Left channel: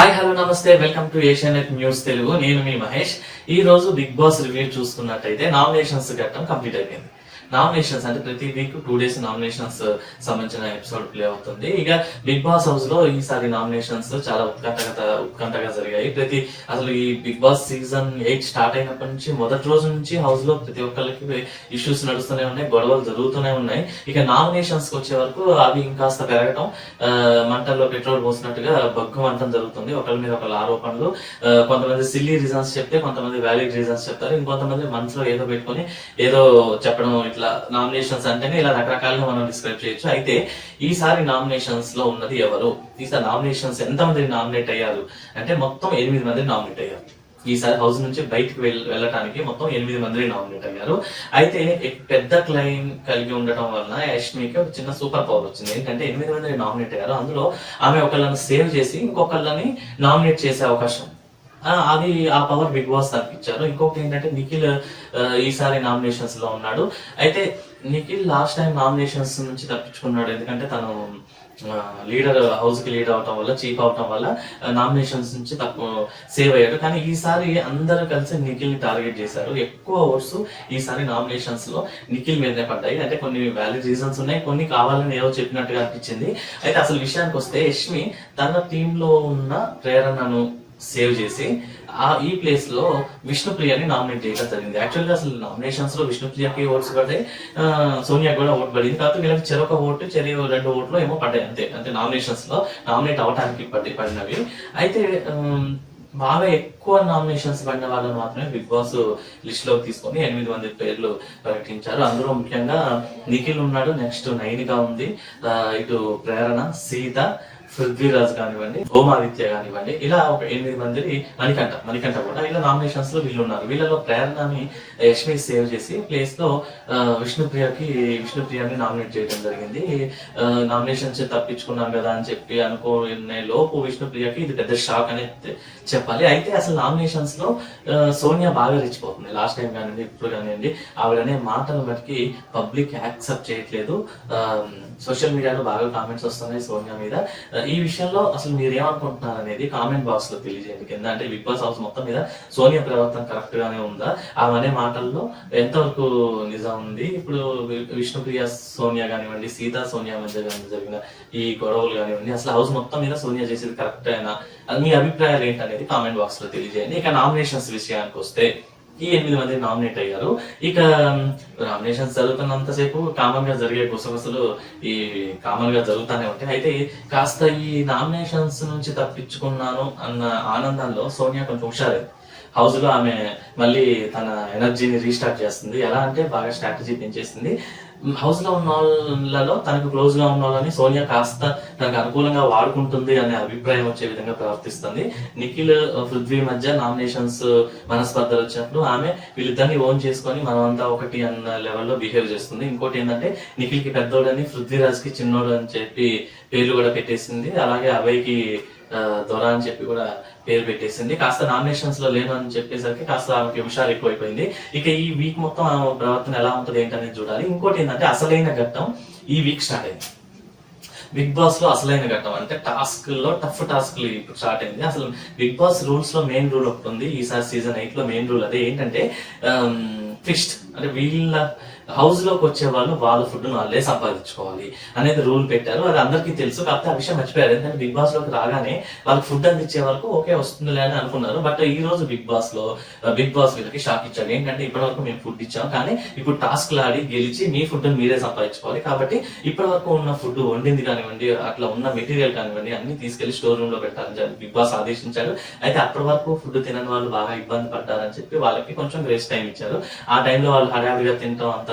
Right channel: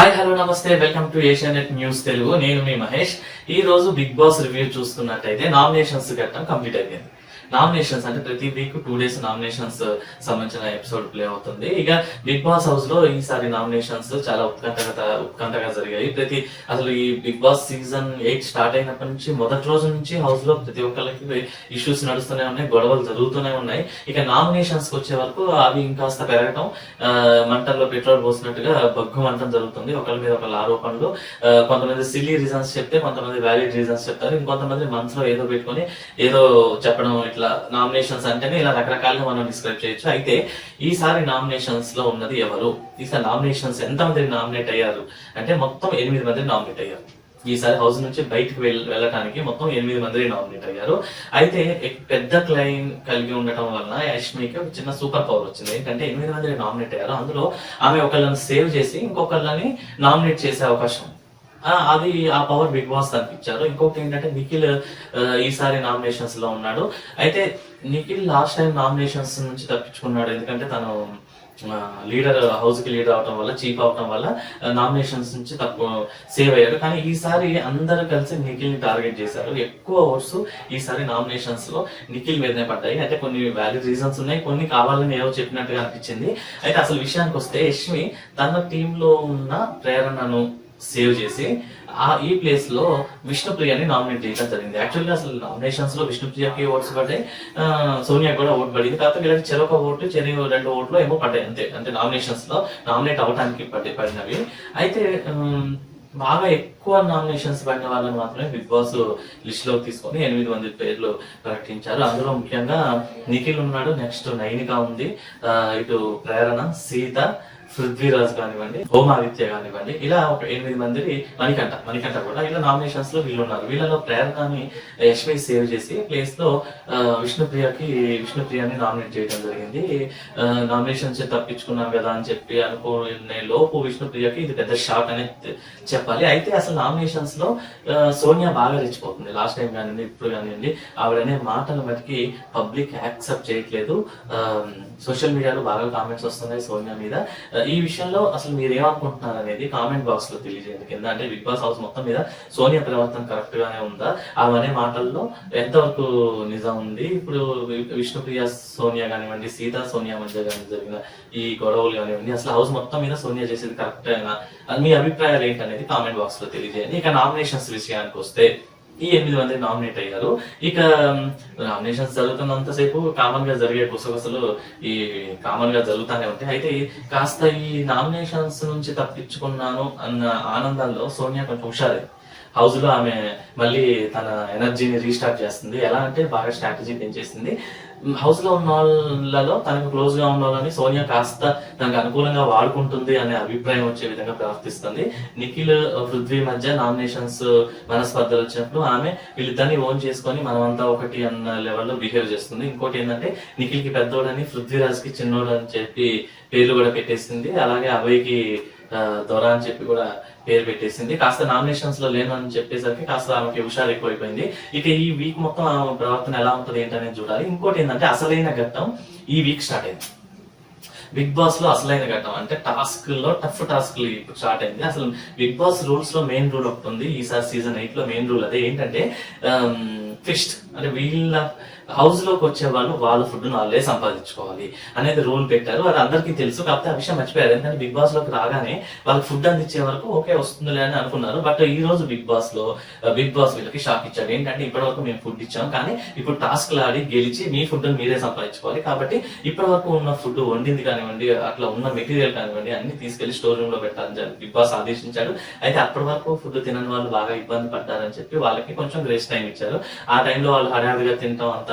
Hi hello నమస్తే. Welcome to Asianet news Telugu నేను మీ మహేష్. ఈ రోజు బిగ్ బాస్ రివ్యూ చూసుకున్నట్టయితే నామినేషన్స్ ఘట్టం కంప్లీట్ అయిపోయింది. నామినేషన్స్ అంటే ప్రతి వీక్ టూ డేస్ నామినేషన్స్ సంబంధించిన ఎపిసోడ్ ప్లే అవుతుంది. ఇక బిగ్ బాస్ హౌస్లో ఈసారి నామినేషన్స్ చాలా ఉత్కంఠగా ఉత్కంఠగా జరిగాయి. ప్రతి అసలు ఈ Bigg Boss season eight start అయినప్పటి నుంచి మొదటి రోజు నుంచి హౌస్లో ప్రతి ఒక్కరికి ఇష్యూస్ నడుస్తూనే ఉన్నాయి గొడవలు జరుగుతూనే ఉన్నాయి. ఇక నామినేషన్స్కి వచ్చే వరకు అవి ఇంకాస్త పెరగటం ఆ, మంటల్లో పెట్రోల్ పోసినట్టుగా బగ్గు మంటం జరుగుతుంది. ఒకరి మీద ఒకళ్ళ ఆరోపణలు. కొంతమంది సిల్లీ రీజన్స్ చెప్తే కొంతమంది వ్యాలిడ్ రీజన్స్ చెప్తారు. ఇంకొంతమంది మనసులో ఏదో పెట్టుకొని ఏదో చెప్పడం ఇట్లా నామినేషన్స్ అంటేనే ఇలా రకరకాలుగా మనం డిస్క్రైబ్ చేయొచ్చు. అయితే ఈసారి నామినేషన్స్లో ఉన్నది ఎవరు? ఈసారి నామినేషన్స్ ఎంతమంది నామినేట్ అయ్యారు? అంటే మొత్తం ఎనిమిది మంది నామినేట్ అయ్యారు. ఈసారి హౌస్ నుంచి బయటకు వెళ్- వెళ్ళటానికి మొత్తం ఎనిమిది మంది నామినేట్ అయ్యారు. అయితే పెద్ద క్లైమ్ కలిగి ఉండటం వల్ల యష్మికి ఒక చిన్న సూపర్ పవర్ వచ్చింది. ఏంటంటే ఎనిమిది మంది నామినేట్ అయ్యారు. అందులో ఆమె ఒకళ్ళని సేవ్ చేసి ఇంకొకళ్ళని నామినేట్ చేసే అవకాశం అది ఆ పవర్ బిగ్ బాస్ తప్పించారు ఇంకొకటి ఏంటంటే నిఖిల్ ఈసారి నామినేషన్స్లో ఉన్నాడు. అయితే నిఖిల్ లాస్ట్ టైం నామినేషన్స్ నుంచి తప్పించుకున్నాడు. ఎందుకంటే తను లీడర్ హౌస్కి లీడర్ అవటం వల్ల చీఫ్ అవటం వల్ల నామినేషన్స్ నుంచి తప్పు సేవ్ అయ్యాడు. కానీ ఈసారి అందరూ కలిసి నిఖిల్ టార్గెట్ చేశారు. ఎక్కువ ఓట్స్ ఈసారి నామినేషన్స్లో నిఖిల్ మీదనే పడ్డాయి. అంటే కొన్ని వ్యాలిడ్ రీజన్స్ ఉన్నాయి కొన్ని కావాలని ఏమో చెప్పినట్టుగా అనిపించింది. అయితే అసలు విషయానికి వస్తే యష్మి తన టీంలో ఉన్న ప్రేరణను సేవ్ చేసి ఆ ఈ ప్లేస్లో విష్ణుప్రియని నామినేట్ చేయడం జరిగింది. యాక్చువల్గా అసలు నామినేషన్స్లో విష్ణుప్రియకి ఓట్స్ పడ్డాయి. సోనియా కూడా ఓట్ పడింది. కాకపోతే వీళ్ళకి చెరొక ఓటు చెరి రెండు ఓట్లు ఏమో పడ్డాయి. అంతే. అంటే నామినేషన్స్లో నామినేట్ అవడానికి పడి పడినవి. అయితే బాగా ఎక్కువ నామినేషన్స్ పడిన వాళ్ళని మాత్రమే బిగ్ బాస్ లిస్ట్లోకి తీసుకొని ఎనిమిది మంది పేర్లు ప్రకటించారు. అందులో ముఖ్యంగా నిఖిల్ ఉన్నాడు నెక్స్ట్ నైనిక ఉంది. ఇటు ప్రేరణ సీత పృథ్వీరాజ్ కానివ్వండి హోమాదిత్య కానివ్వండి ఇలా ఒక ఎనిమిది మందిని మణికంఠ మణికంఠ కూడా ఇలా నామినేషన్స్లో వీళ్ళు ఉన్నారు వీళ్ళలో ప్రేరణని యశ్మి సేవ్ చేసి ప్లేస్లో విష్ణుప్రియకి విష్ణుప్రియాని నామినేట్ చేయడం జరిగింది. నామినేషన్స్ తప్పించుకున్నాం కదా అని చెప్పి అనుకునే లోపు విష్ణుప్రియకి ఇది పెద్ద షాక్ అని చెప్పాలి. అయితే అసలు నామినేషన్స్లో సోనియా బాగా రెచ్చిపోతుంది. లాస్ట్ టైం కానివ్వండి ఇప్పుడు కానివ్వండి ఆవిడనే మాటలు బట్టి పబ్లిక్ యాక్సెప్ట్ చేయట్లేదు. సోషల్ మీడియాలో బాగా కామెంట్స్ వస్తున్నాయి సోనియా మీద. ఈ విషయంలో అసలు మీరు ఏమనుకుంటున్నారు అనేది కామెంట్ బాక్స్లో తెలియజేయండి. కింద అంటే బిగ్ బాస్ హౌస్ మొత్తం మీద సోనియా ప్రవర్తన కరెక్ట్ గానే ఉందా? ఆమె అనే మాటల్లో ఎంతవరకు నిజం ఉంది? ఇప్పుడు విష్ణుప్రియ సోనియా కానివ్వండి సీతా సోనియా మధ్య కానీ జరిగిన ఈ గొడవలు కానివ్వండి అసలు హౌస్ మొత్తం మీద సోనియా చేసేది కరెక్ట్ అయినా మీ అభిప్రాయాలు ఏంటనేది కామెంట్ బాక్స్లో తెలియజేయండి. ఇక నామినేషన్స్ విషయానికి వస్తే ఈ ఎనిమిది మంది నామినేట్ అయ్యారు. ఇక నామినేషన్స్ జరుగుతున్నంతసేపు కామన్గా జరిగే గుసగుసలు ఈ కామన్గా జరుగుతానే ఉంటాయి. అయితే కాస్త ఈ నామినేషన్స్ నుంచి తప్పించుకున్నాను అన్న ఆనందంలో సోనియా కొంచెం హుషారు హౌస్లో ఆమె మళ్ళీ తన ఎనర్జీని రీస్టార్ట్ చేస్తుంది. ఎలా అంటే బాగా స్ట్రాటజీ పెంచేసింది హౌస్లో ఉన్న వాళ్ళలో తనకు క్లోజ్గా ఉన్న వాళ్ళని సోనియా కాస్త తనకు అనుకూలంగా వాడుకుంటుంది అనే అభిప్రాయం వచ్చే విధంగా ప్రవర్తిస్తుంది. నిఖిల్ పృథ్వీ మధ్య నామినేషన్స్ మనస్పర్ధలు వచ్చినప్పుడు ఆమె వీళ్ళిద్దరిని ఓన్ చేసుకొని మనమంతా ఒకటి అన్న లెవెల్లో బిహేవ్ చేస్తుంది. ఇంకోటి ఏంటంటే నిఖిల్కి పెద్దోడని పృథ్వీరాజ్కి చిన్నోడు అని చెప్పి పేర్లు కూడా పెట్టేసింది. అలాగే అభయ్కి కి దొర అని చెప్పి కూడా పేరు పెట్టేసింది. కాస్త నామినేషన్స్లో లేను అని చెప్పేసరికి కాస్త ఆమెకి హుషారు ఎక్కువైపోయింది. ఇక ఈ వీక్ మొత్తం ఆమె ప్రవర్తన ఎలా ఉంటుంది ఏంటనేది చూడాలి. ఇంకోటి ఏంటంటే అసలైన ఘట్టం ఈ వీక్ స్టార్ట్ అయింది. బిగ్ బాస్లో అసలైన ఘట్టం అంటే టాస్క్లో టఫ్ టాస్క్ స్టార్ట్ అయింది. అసలు బిగ్ బాస్ రూల్స్లో మెయిన్ రూల్ ఒకటి ఉంది. ఈసారి సీజన్ ఎయిట్లో మెయిన్ రూల్ అదే. ఏంటంటే ఫిస్ట్ అంటే వీళ్ళ హౌస్లోకి వచ్చే వాళ్ళు వాళ్ళ ఫుడ్ వాళ్ళే సంపాదించుకోవాలి అనేది రూల్ పెట్టారు. అది అందరికీ తెలుసు. కాకపోతే ఆ విషయం మర్చిపోయారు. ఎందుకంటే బిగ్ బాస్లోకి రాగానే వాళ్ళకి ఫుడ్ అందించే వరకు ఓకే వస్తుందిలే అని అనుకున్నారు. బట్ ఈ రోజు బిగ్ బాస్లో బిగ్ బాస్ వీళ్ళకి షాక్ ఇచ్చారు. ఏంటంటే ఇప్పటి వరకు మేము ఫుడ్ ఇచ్చాం. కానీ ఇప్పుడు టాస్క్ ఆడి గెలిచి మీ ఫుడ్ మీరే సంపాదించుకోవాలి. కాబట్టి ఇప్పటి వరకు ఉన్న ఫుడ్ వండింది కానీ కానివ్వండి అట్లా ఉన్న మెటీరియల్ కానివ్వండి అన్ని తీసుకెళ్ళి స్టోర్ రూమ్లో పెట్టాలని బిగ్ బాస్ ఆదేశించాడు. అయితే అప్పటి వరకు ఫుడ్ తినని వాళ్ళు బాగా ఇబ్బంది పడ్డారని చెప్పి వాళ్ళకి కొంచెం గ్రేస్ టైం ఇచ్చారు. ఆ టైంలో వాళ్ళు హడావిడిగా తినటం అంత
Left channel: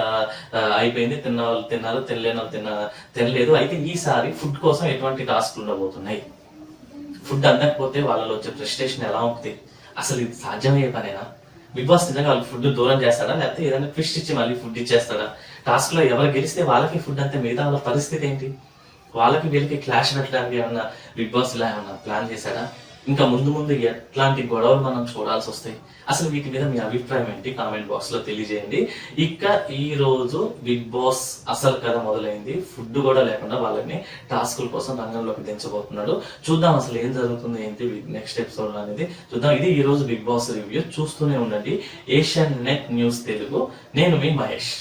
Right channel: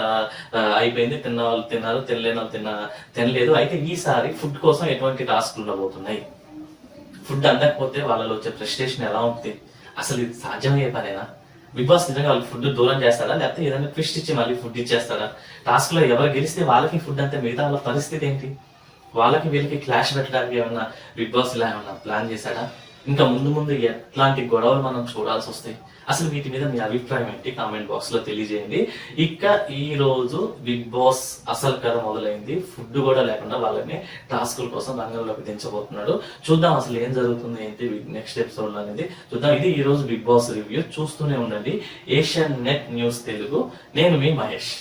అయిపోయింది. తిన్న వాళ్ళు తిన్నారు తినలేని వాళ్ళు తిన్న తినలేదు. అయితే ఈసారి ఫుడ్ కోసం ఎటువంటి టాస్క్ ఉండబోతున్నాయి? ఫుడ్ అందకపోతే వాళ్ళలో వచ్చే ఫ్రస్ట్రేషన్ ఎలా ఉంటుంది? అసలు ఇది సాధ్యమయ్యే పనేనా? బిగ్ బాస్ నిజంగా వాళ్ళు ఫుడ్ దూరం చేస్తాడా లేకపోతే ఏదైనా ట్విస్ట్ ఇచ్చి మళ్ళీ ఫుడ్ ఇచ్చేస్తాడా టాస్క్లో ఎవరు గెలిస్తే వాళ్ళకి ఫుడ్ అంతే మిగతా వాళ్ళ పరిస్థితి ఏంటి? వాళ్ళకి వీళ్ళకి క్లాష్ పెట్టడానికి ఏమన్నా బిగ్ బాస్ ఇలా ఏమన్నా ప్లాన్ చేశాడా? ఇంకా ముందు ముందు ఎట్లాంటి గొడవలు మనం చూడాల్సి వస్తాయి? అసలు వీటి మీద మీ అభిప్రాయం ఏంటి? కామెంట్ బాక్స్లో తెలియజేయండి. ఇక ఈ రోజు బిగ్ బాస్ అసలు కథ మొదలైంది. ఫుడ్ కూడా లేకుండా వాళ్ళని టాస్కుల కోసం రంగంలోకి దించబోతున్నాడు. చూద్దాం అసలు ఏం జరుగుతుంది ఏంటి? నెక్స్ట్ ఎపిసోడ్ అనేది చూద్దాం. ఇది ఈ రోజు బిగ్ బాస్ రివ్యూ చూస్తూనే ఉండండి. Asianet news Telugu. నేను మీ మహేష్.